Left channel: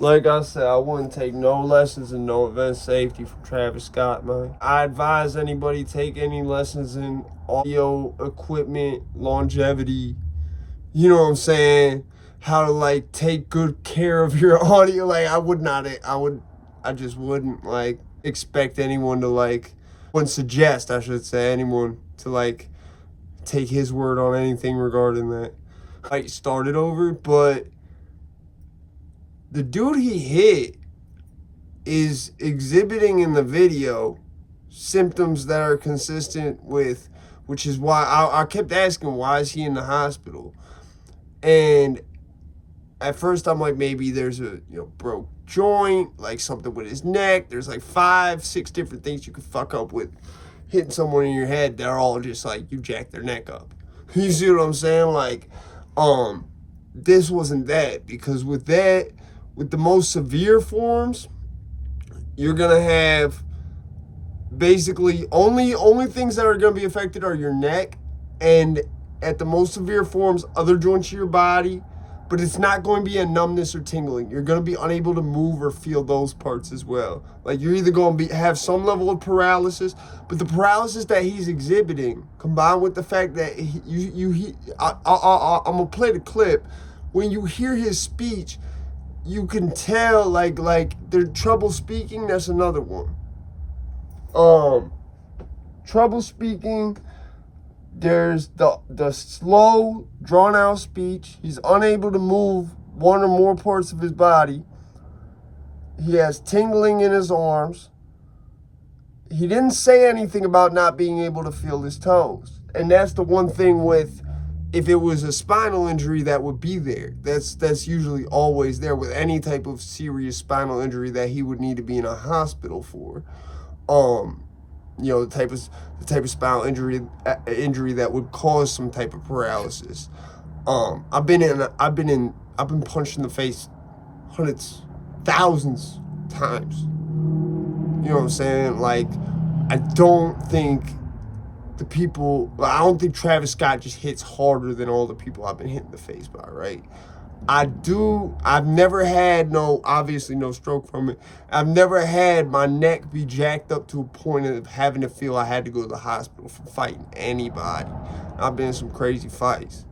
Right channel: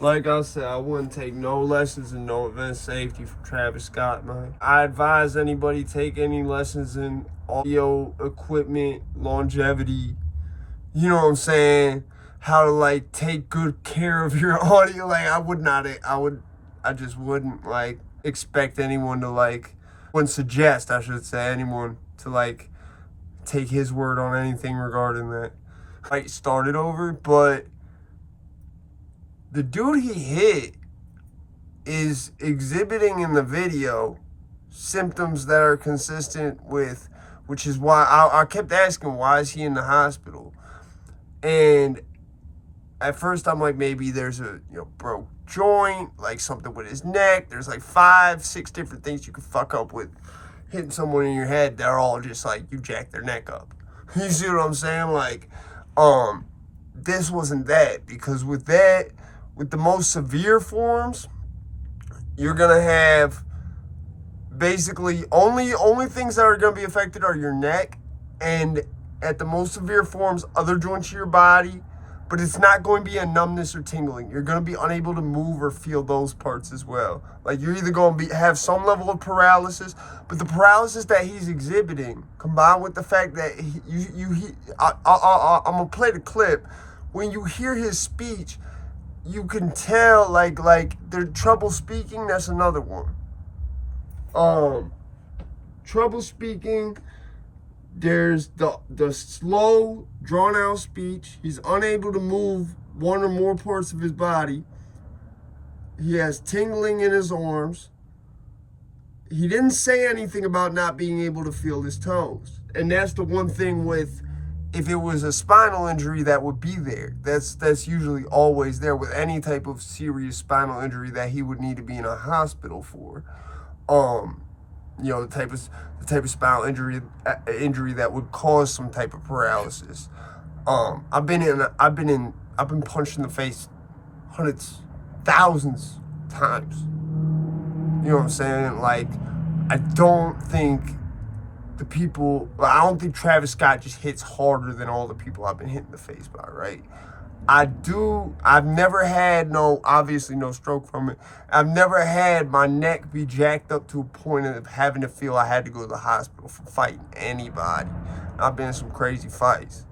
Like I said, I wouldn't take no lessons in no event safety from Travis Scott, man. I advise anybody take any lessons in audio equipment, longevity, you know what I'm saying? How to like take good care of your audio. Like I just wouldn't like expect anyone to like, wouldn't suggest, I should say, anyone to like take his word on anything regarding that. I started over, but the dude he hit is exhibiting in the video symptoms that are consistent with, which is why I kept asking, why is he in the hospital? And at first I'm like, maybe there's a broke joint, like something with his neck. There's like 5-6 different things you could fuck up with hitting someone in your head. They're all just like you jack their neck up. You see what I'm saying? Like, this wasn't that, because with that, with the most severe forms, you're gonna have basically only things that are gonna be affected are your neck, and at the most severe forms, other joints of your body. But it's not going to be a numbness or tingling. You're going to be unable to move or feel those parts as well. Like, you're either going to have some level of paralysis, but the paralysis that he's exhibiting, combined with the fact that I'm going to play the clip. When you hear his speech, you can tell like they're trouble speaking. That's another one. Trouble speaking. There's the slow, drawn-out speech. He's unable to move one or more parts of his body. He has tingling in his arms. He didn't say anything about not being able to feel his toes. And that's the one thing with, if it was a spinal injury, that would be there. That's usually always there with any type of serious spinal injury that he would need to be in a hospital for. The type of spinal injury that would cause some type of paralysis. I've been punched in the face hundreds, thousands times. You know what I'm saying? Like, I don't think Travis Scott just hits harder than all the people I've been hit in the face by, right? I've never had obviously no stroke from it. I've never had my neck be jacked up to a point of having to feel I had to go to the hospital for fighting anybody. I've been in some crazy fights.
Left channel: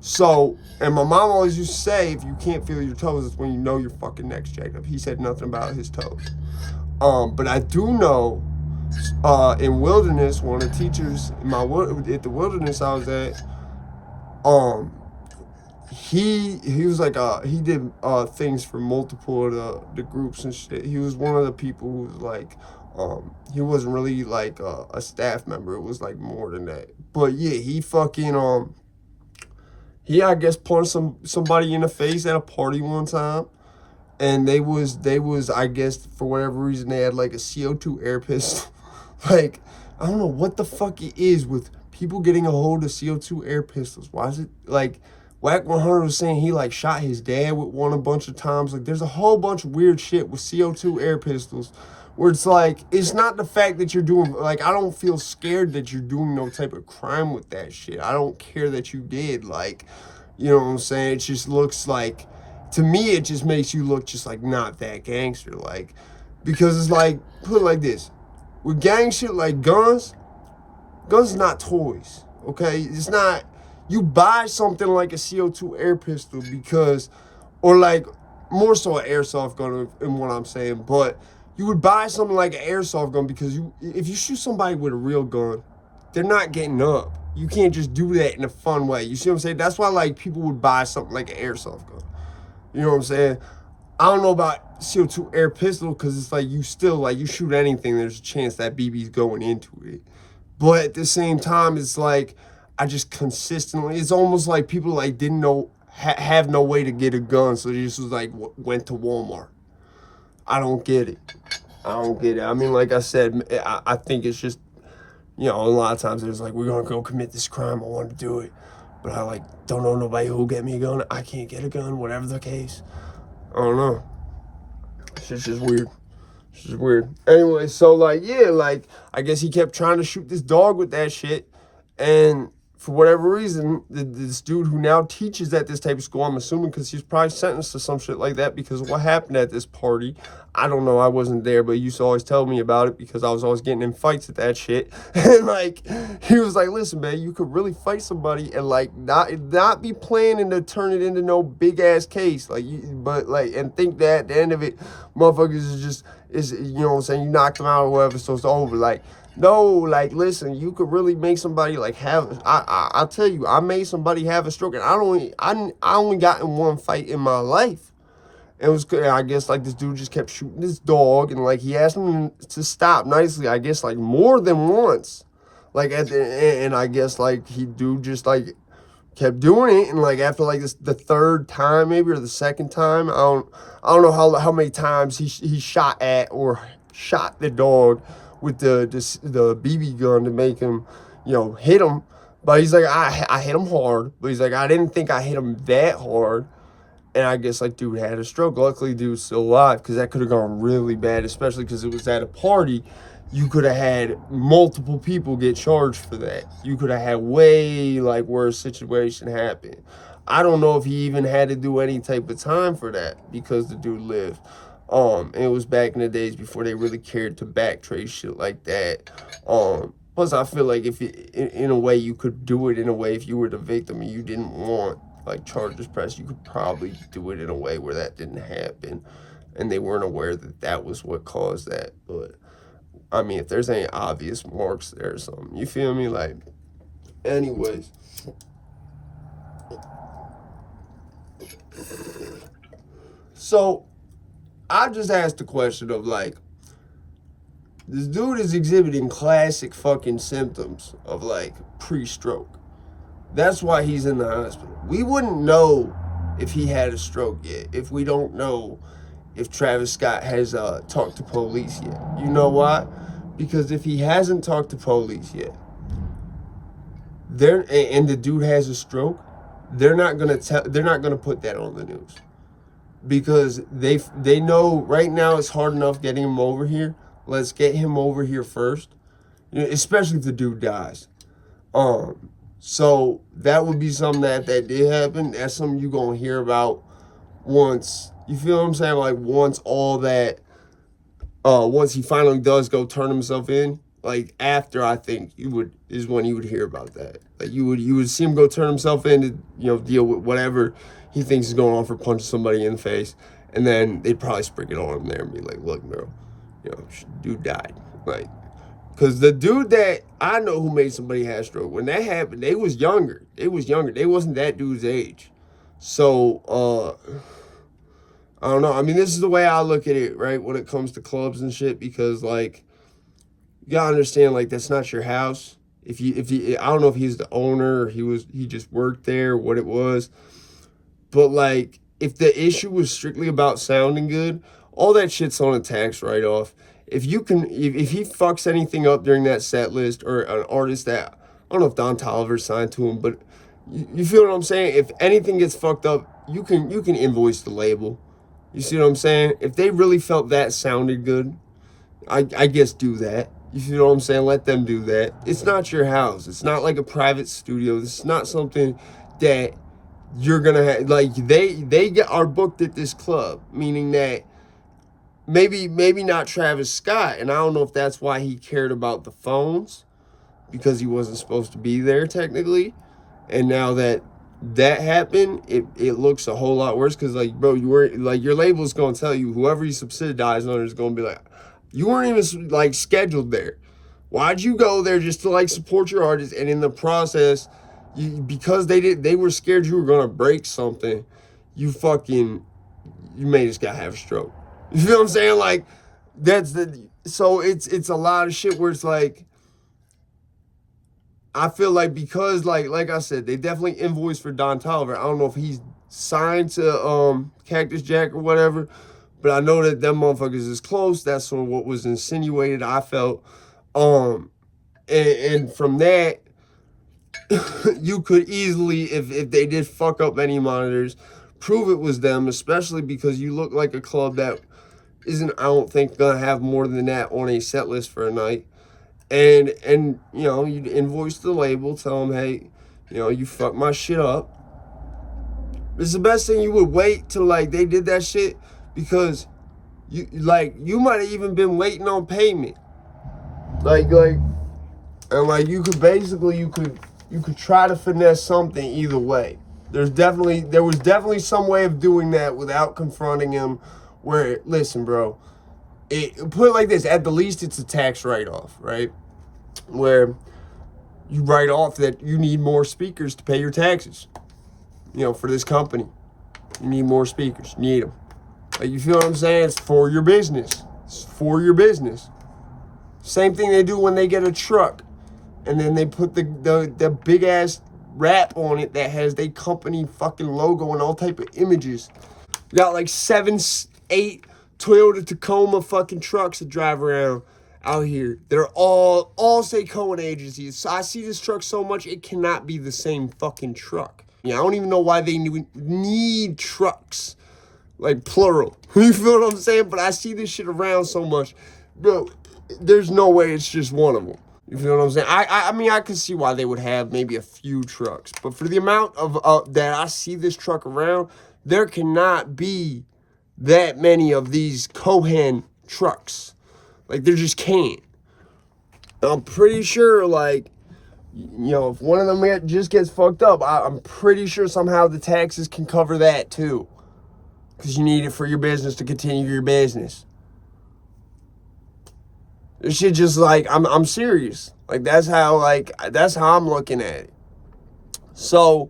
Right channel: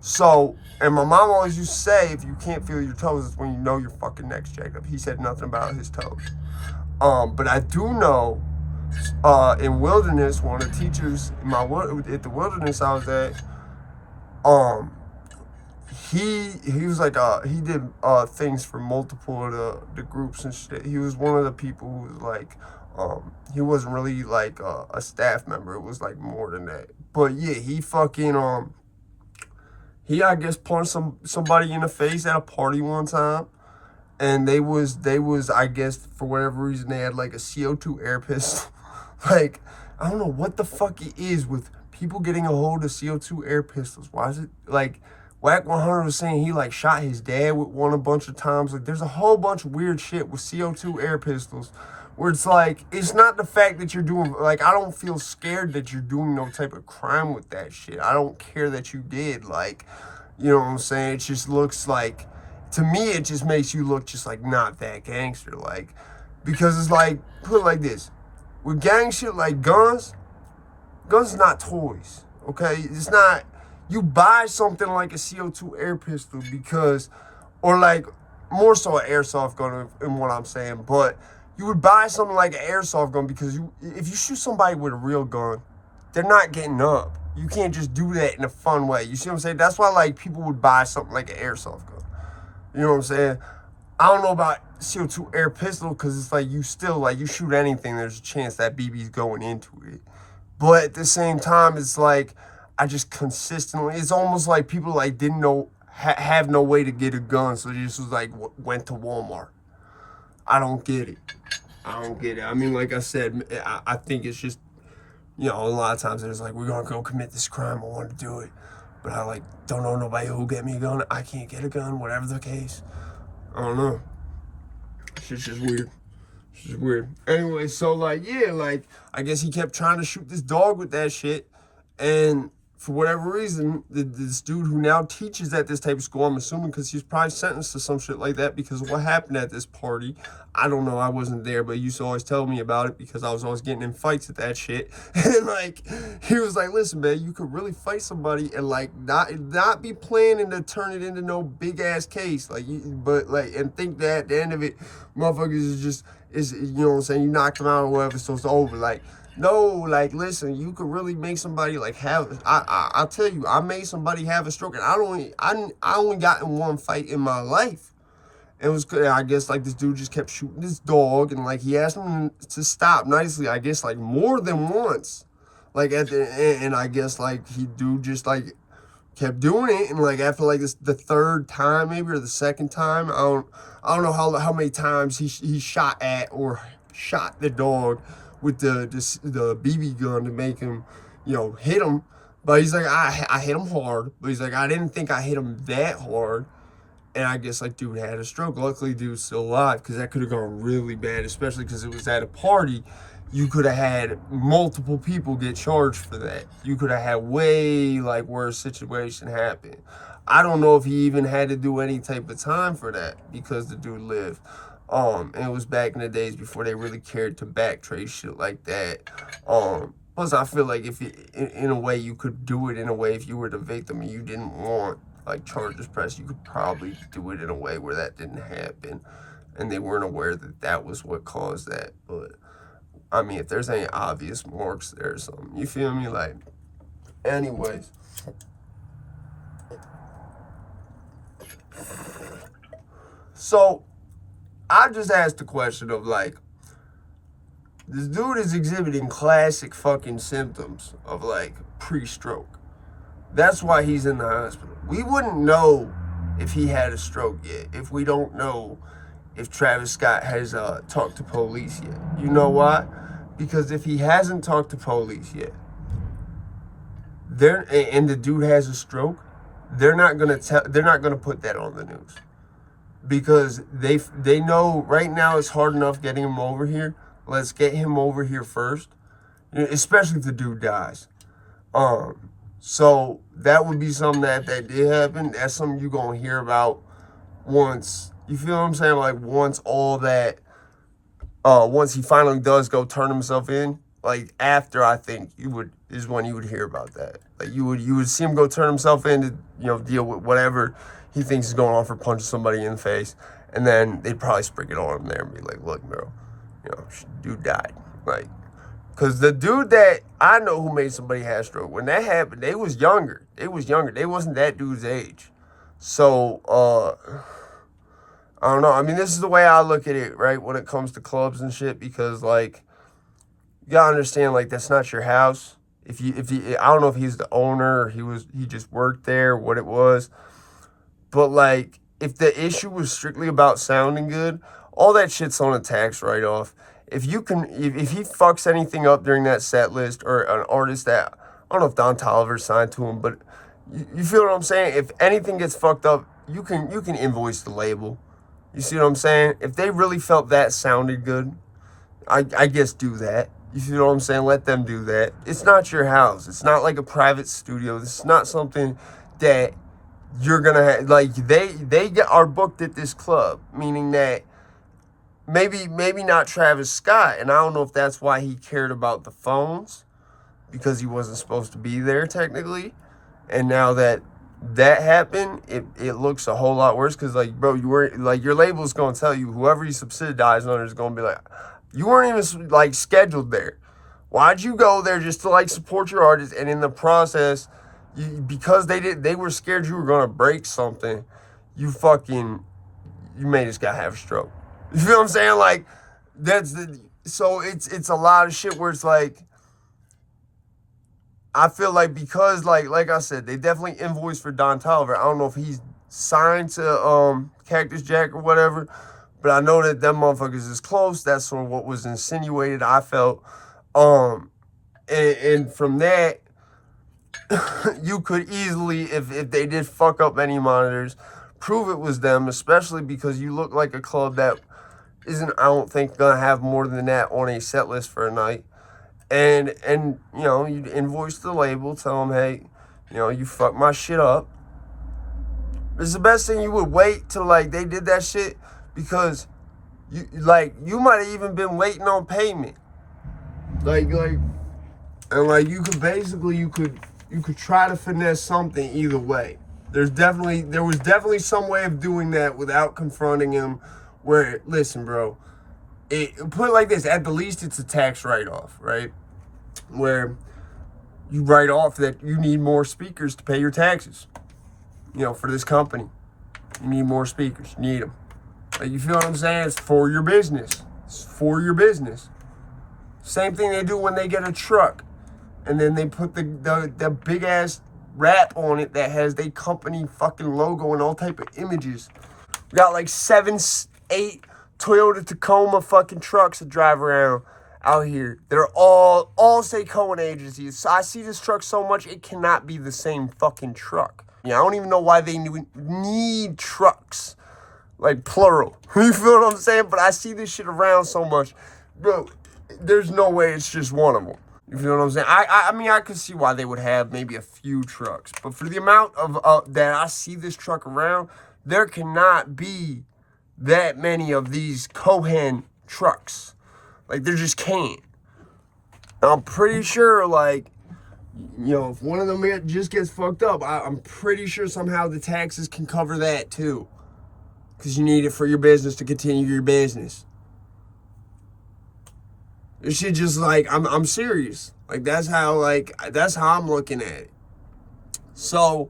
So, and my mom always used to say, if you can't feel your toes, it's when you know your fucking neck's jacked up. He said nothing about his toes. But I do know, in Wilderness, one of the teachers at the Wilderness I was at, he was like he did things for multiple of the groups and shit. He was one of the people who was like he wasn't really like a staff member. It was like more than that. But yeah, he fucking he, I guess, punched somebody in the face at a party one time, and they was I guess, for whatever reason, they had like a CO2 air pistol. Like, I don't know what the fuck it is with people getting a hold of CO2 air pistols. Why is it like Wack 100 was saying he like shot his dad with one a bunch of times? Like, there's a whole bunch of weird shit with CO2 air pistols where it's like, it's not the fact that you're doing, like, I don't feel scared that you're doing no type of crime with that shit. I don't care that you did. Like, you know what I'm saying? It just looks like, to me, it just makes you look just like not that gangster. Like, because it's like, put it like this, with gang shit like guns is not toys, okay? It's not, you buy something like a CO2 air pistol because, or like, more so an airsoft gun in what I'm saying, but you would buy something like an airsoft gun because if you shoot somebody with a real gun, they're not getting up. You can't just do that in a fun way. You see what I'm saying? That's why, like, people would buy something like an airsoft gun. You know what I'm saying? I don't know about CO2 air pistol because it's like you still, like, you shoot anything, there's a chance that BB's going into it. But at the same time, it's like, I just consistently, it's almost like people like didn't know, have no way to get a gun, so they just was like, went to Walmart. I don't get it. I mean, like I said, I think it's just, a lot of times there's like, we're gonna go commit this crime, I want to do it, but I like don't know nobody who'll get me a gun. I can't get a gun, whatever the case. I don't know. It's just weird. It's just weird. Anyway, so like, yeah, like, I guess he kept trying to shoot this dog with that shit, and for whatever reason, this dude who now teaches at this type of school, I'm assuming because he's probably sentenced to some shit like that because of what happened at this party. I don't know, I wasn't there, but he used to always tell me about it because I was always getting in fights at that shit. And like, he was like, listen, man, you could really fight somebody and like not be planning to turn it into no big ass case. Like, but like, and think that at the end of it, motherfuckers is you know what I'm saying, you knocked them out or whatever, so it's over. Like, no, like, listen, you could really make somebody like have. I'll tell you, I made somebody have a stroke, and I only got in one fight in my life. It was good. I guess like this dude just kept shooting his dog, and like he asked him to stop nicely. I guess like more than once, like at the end, and I guess like he dude just like kept doing it, and like after like the third time maybe or the second time, I don't know how many times he shot at or shot the dog with the BB gun to make him, you know, hit him. But he's like, I hit him hard. But he's like, I didn't think I hit him that hard. And I guess like dude had a stroke. Luckily, dude's still alive because that could have gone really bad, especially because it was at a party. You could have had multiple people get charged for that. You could have had way like worse situation happen. I don't know if he even had to do any type of time for that because the dude lived. And it was back in the days before they really cared to backtrace shit like that. Plus I feel like if in a way you could do it in a way if you were the victim and you didn't want like charges pressed, you could probably do it in a way where that didn't happen and they weren't aware that that was what caused that. But I mean, if there's any obvious marks there or something, you feel me? Like, anyways. So, I just asked the question of like, this dude is exhibiting classic fucking symptoms of like pre-stroke. That's why he's in the hospital. We wouldn't know if he had a stroke yet, if we don't know if Travis Scott has talked to police yet. You know why? Because if he hasn't talked to police yet, and the dude has a stroke, they're not gonna put that on the news. Because they know right now it's hard enough getting him over here. Let's get him over here first. You know, especially if the dude dies. So that would be something that if that did happen, that's something you're gonna hear about once, you feel what I'm saying? Like once all that once he finally does go turn himself in, like after I think is when you would hear about that. Like you would see him go turn himself in to, you know, deal with whatever he thinks is going on for punching somebody in the face, and then they'd probably spring it on him there and be like, look, bro, you know, dude died. Like, because the dude that I know who made somebody have a stroke, when that happened, they was younger. They wasn't that dude's age. So, I don't know. I mean, this is the way I look at it, right, when it comes to clubs and shit, because, like, you gotta understand, like, that's not your house. If you, I don't know if he's the owner or he just worked there, what it was. But, like, if the issue was strictly about sounding good, all that shit's on a tax write-off. If he fucks anything up during that set list, or an artist that, I don't know if Don Toliver signed to him, but you feel what I'm saying? If anything gets fucked up, you can invoice the label. You see what I'm saying? If they really felt that sounded good, I guess do that. You see what I'm saying? Let them do that. It's not your house. It's not like a private studio. This is not something that you're gonna have. Like are booked at this club, meaning that maybe not Travis Scott, and I don't know if that's why he cared about the phones, because he wasn't supposed to be there technically, and now that happened, it looks a whole lot worse, because like, bro, you were like, your label's gonna tell you, whoever you subsidize under is gonna be like, you weren't even like scheduled there. Why'd you go there just to like support your artist, and in the process, because they were scared you were gonna break something, you made this guy have a stroke. You feel what I'm saying? Like, so it's a lot of shit where it's like, I feel like, because like I said, they definitely invoiced for Don Toliver. I don't know if he's signed to Cactus Jack or whatever, but I know that them motherfuckers is close. That's sort of what was insinuated, I felt. And from that, you could easily, if they did fuck up any monitors, prove it was them, especially because you look like a club that isn't, I don't think, gonna have more than that on a set list for a night. And you know, you'd invoice the label, tell them, hey, You know, you fucked my shit up. It's the best thing. You would wait till like they did that shit because you might have even been waiting on payment. And like you could try to finesse something either way. There was definitely some way of doing that without confronting him. Where, listen, bro, put it like this: at the least, it's a tax write-off, right? Where you write off that you need more speakers to pay your taxes. You know, for this company, you need more speakers. You need them. Like, you feel what I'm saying? It's for your business. It's for your business. Same thing they do when they get a truck, and then they put the big ass wrap on it that has their company fucking logo and all type of images. We got like 7, 8 Toyota Tacoma fucking trucks that drive around out here. They're all say Cohen agencies. So I see this truck so much, it cannot be the same fucking truck. Yeah, I don't even know why they need trucks, like plural. You feel what I'm saying? But I see this shit around so much, bro. There's no way it's just one of them. You feel what I'm saying? I mean, I could see why they would have maybe a few trucks, but for the amount of that I see this truck around, there cannot be that many of these Cohen trucks. Like, there just can't. I'm pretty sure, like, you know, if one of them just gets fucked up, I'm pretty sure somehow the taxes can cover that too, because you need it for your business to continue your business. This shit just like, I'm serious. Like, that's how I'm looking at it. So,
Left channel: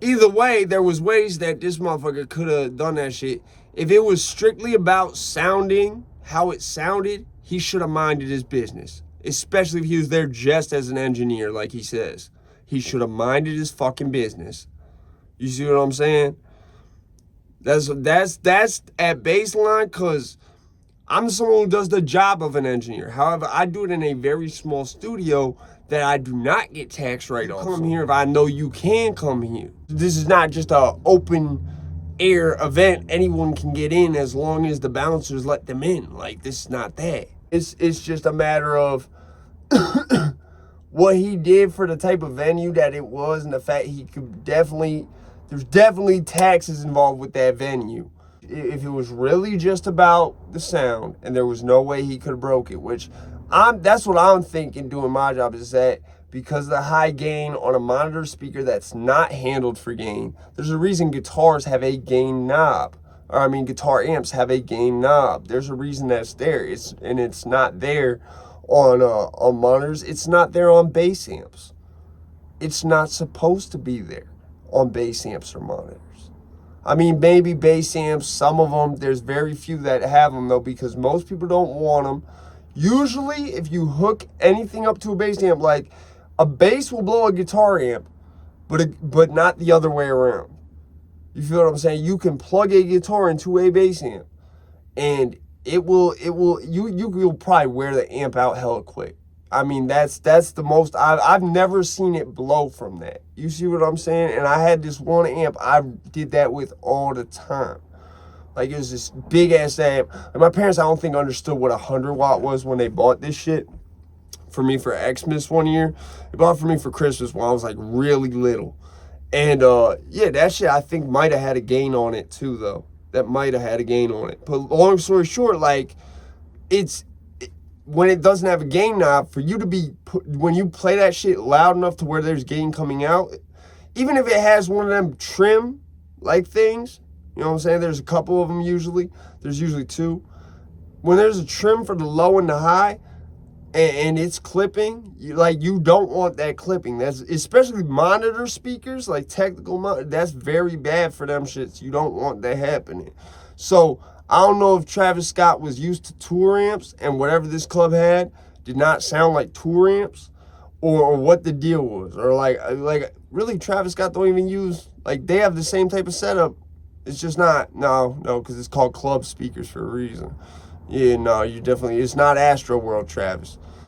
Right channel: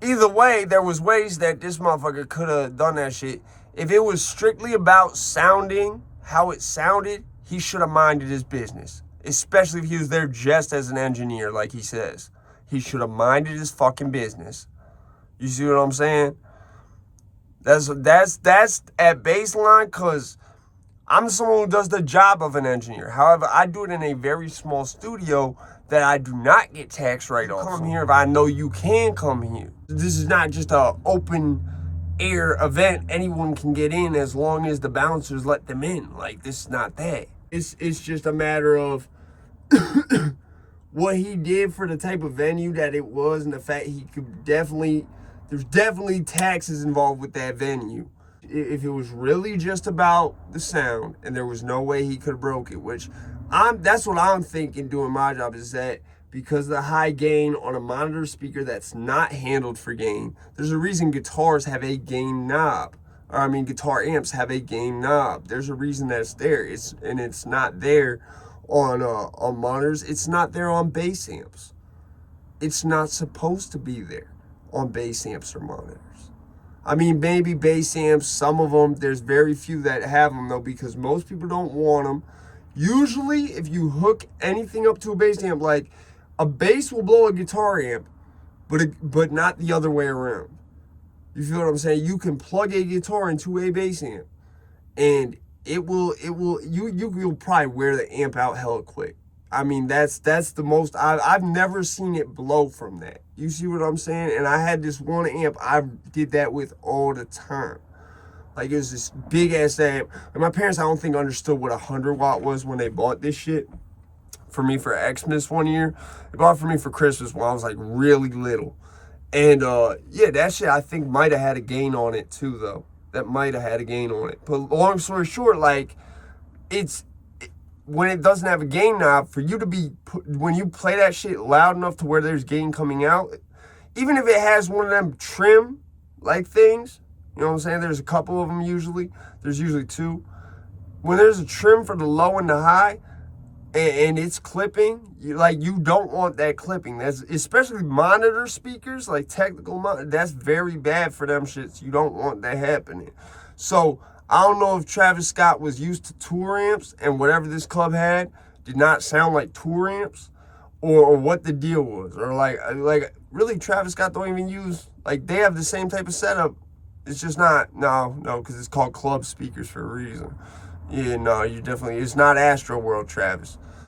either way, there was ways that this motherfucker could have done that shit. If it was strictly about sounding how it sounded, he should have minded his business. Especially if he was there just as an engineer, like he says. He should have minded his fucking business. You see what I'm saying? That's at baseline, because I'm someone who does the job of an engineer. However, I do it in a very small studio that I do not get tax write-offs. Come here if I know you can come here. This is not just a open air event. Anyone can get in as long as the bouncers let them in. Like, this is not that. It's just a matter of what he did for the type of venue that it was, and the fact he could there's definitely taxes involved with that venue. If it was really just about the sound and there was no way he could have broke it, which that's what I'm thinking doing my job, is that because of the high gain on a monitor speaker that's not handled for gain, there's a reason guitars have a gain knob. Or I mean, guitar amps have a gain knob. There's a reason that's there. It's not there on monitors. It's not there on bass amps. It's not supposed to be there on bass amps or monitors. I mean, maybe bass amps, some of them, there's very few that have them, though, because most people don't want them. Usually, if you hook anything up to a bass amp, like, a bass will blow a guitar amp, but not the other way around. You feel what I'm saying? You can plug a guitar into a bass amp, and you'll probably wear the amp out hella quick. I mean, that's the most, I've never seen it blow from that. You see what I'm saying? And I had this one amp I did that with all the time. Like, it was this big ass amp. And my parents, I don't think, understood what 100 watt was when they bought this shit for me for Xmas one year. They bought it for me for Christmas when I was like really little. And yeah, that shit I think might have had a gain on it too, though. That might have had a gain on it. But long story short, like, when it doesn't have a gain knob, for you to when you play that shit loud enough to where there's gain coming out, even if it has one of them trim like things, you know what I'm saying? There's a couple of them usually. There's usually 2. When there's a trim for the low and the high, and it's clipping, you don't want that clipping. That's especially monitor speakers, like technical monitor. That's very bad for them shits. You don't want that happening. So I don't know if Travis Scott was used to tour amps and whatever this club had did not sound like tour amps, or what the deal was, or like really Travis Scott don't even use, like, they have the same type of setup. It's just not, no, because it's called club speakers for a reason. Yeah, no, it's not Astro World, Travis.